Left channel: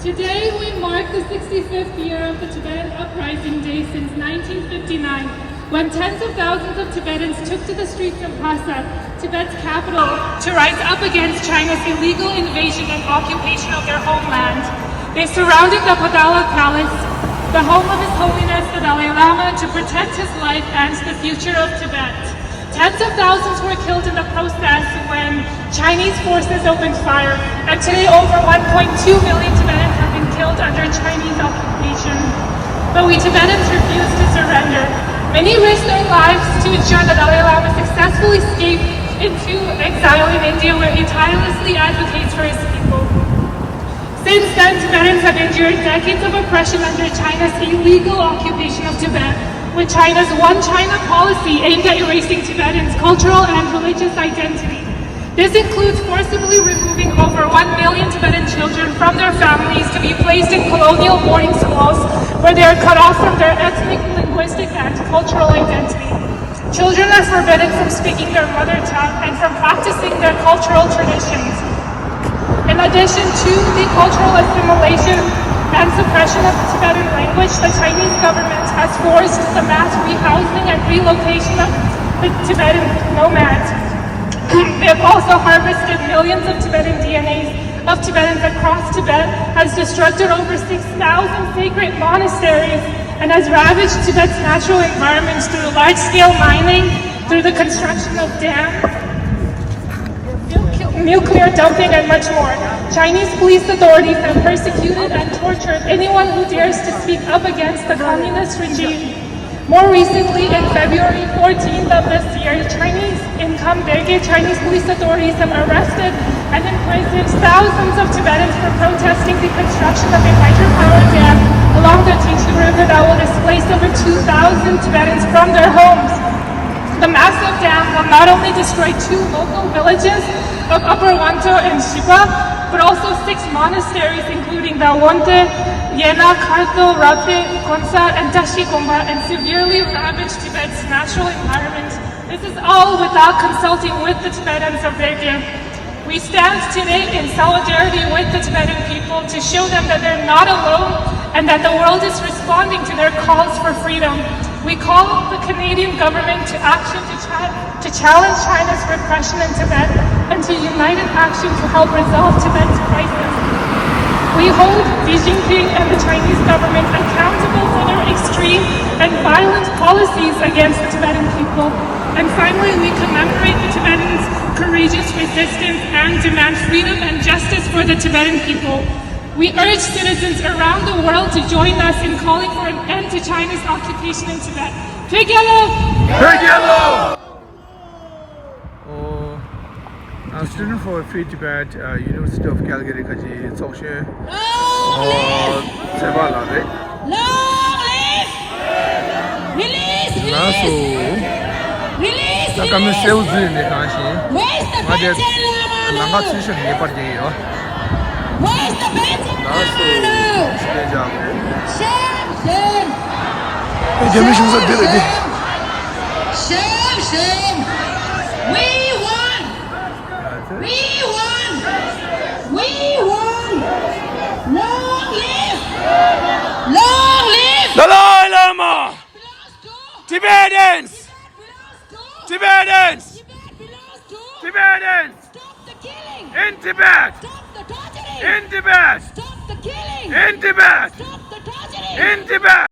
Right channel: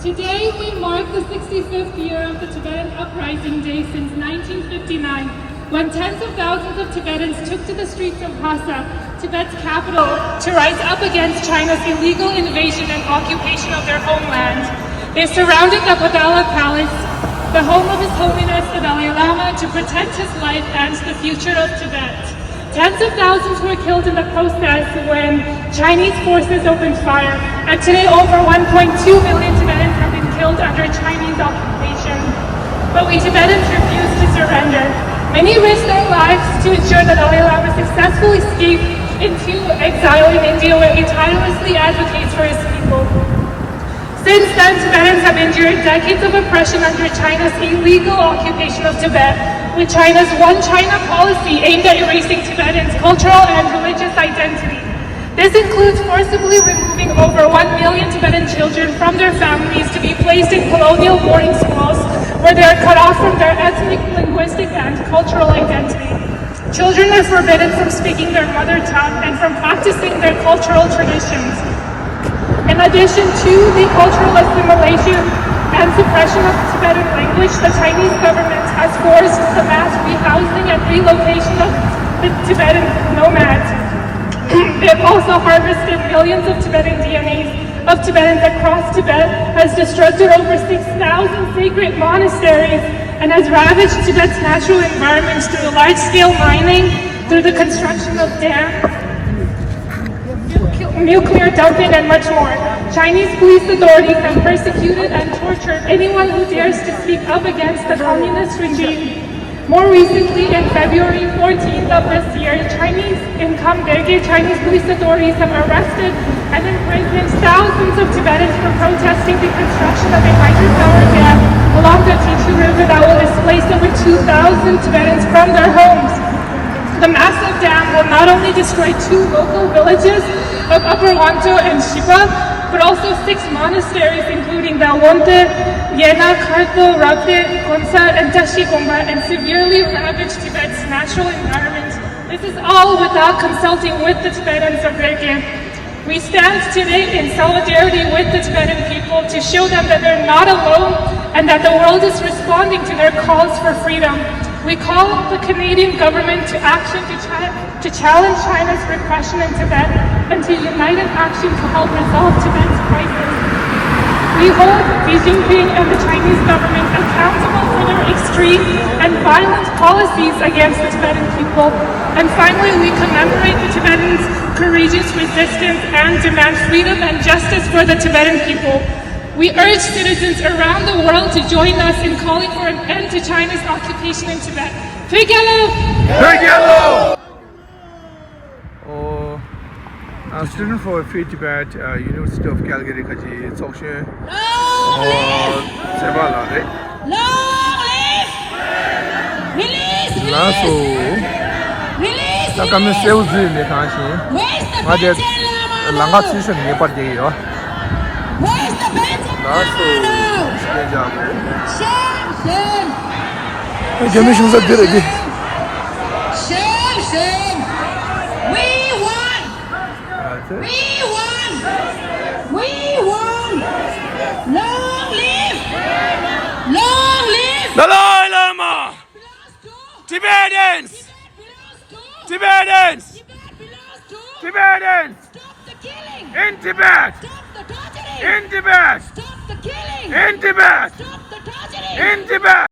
Today we mark the 65th year of the Tibetan uprising day since 1959, when tens of thousands of Tibetans took to the streets of Lhasa, Tibet's capital, to rise up against China's illegal invasion and occupation of their homeland. They surrounded the Padala Palace, the home of His Holiness the Dalai Lama, to protect his life and the future of Tibet. Tens of thousands were killed in the process when Chinese forces opened fire, and today over 1.2 million Tibetans have been killed under Chinese occupation. But we Tibetans refuse to surrender. Many risked their lives to ensure that Dalai Lama successfully escaped into exile in India, where he tirelessly advocates for his people. Since then, Tibetans have endured decades of oppression under China's illegal occupation of Tibet, with China's One China policy aimed at erasing Tibetans' cultural and religious identity. This includes forcibly removing over 1 million Tibetan children from their families to be placed in colonial boarding schools, where they are cut off from their ethnic, linguistic, and cultural identity. Children are forbidden from speaking their mother tongue and from practicing their cultural traditions. In addition to the cultural assimilation and suppression of the Tibetan language, the Chinese government has forced the mass rehousing and relocation of the Tibetan nomads. They have also harvested millions of Tibetan DNAs of Tibetans across Tibet, has destructed over 6,000 sacred monasteries, and has ravaged Tibet's natural environments through large-scale mining, through the construction of dams, nuclear dumping, and much more. Chinese police authorities have persecuted and tortured anyone who dares to speak up against the communist regime. More recently, in February 14th of this year, Chinese police authorities have arrested and imprisoned thousands of Tibetans for protesting the construction of a hydropower dam along the Tichu River that will displace over 2,000 Tibetans from their homes. The massive dam will not only destroy 2 local villages of Upper Wanto and Shiba, but also 6 monasteries, including Dalwante, Yena, Kartho, Rape, Konsa, and Dashikomba, and severely ravage Tibet's natural environment. This is all without consulting with the Tibetans of their gift. We stand today in solidarity with the Tibetan people to show them that they're not alone and that the world is responding to their calls for freedom. We call the Canadian government to action to challenge China's repression in Tibet and to unite in action to help resolve Tibet's crisis. We hold Xi Jinping and the Chinese government accountable for their extreme and violent policies against the Tibetan people. And finally, we commemorate the Tibetans' courageous resistance and demand freedom and justice for the Tibetan people. We urge citizens around the world to join us in calling for an end to China's occupation in Tibet. Together! Together! I'm a student for Free Tibet, University of Calgary, Kaji, Sokshe, Tsepel, right? Long live! Release! Release! 자, 그러면 세우즈네 다시. Where's the 맞아. Tenzin? 랑가 치션 네 빠르게요. Where's the Tenzin? 나서 시대자고. Shame! 개미 흉사 들으니. Shame! We won! We won! We won! Long live! Long live! Dalai Lama! Tibetans! Tibetans! Tibetans! Stop the killing! In Tibet! Stop the torturing! In Tibet! Stop the killing! In Tibet! Stop the torturing! In Tibet!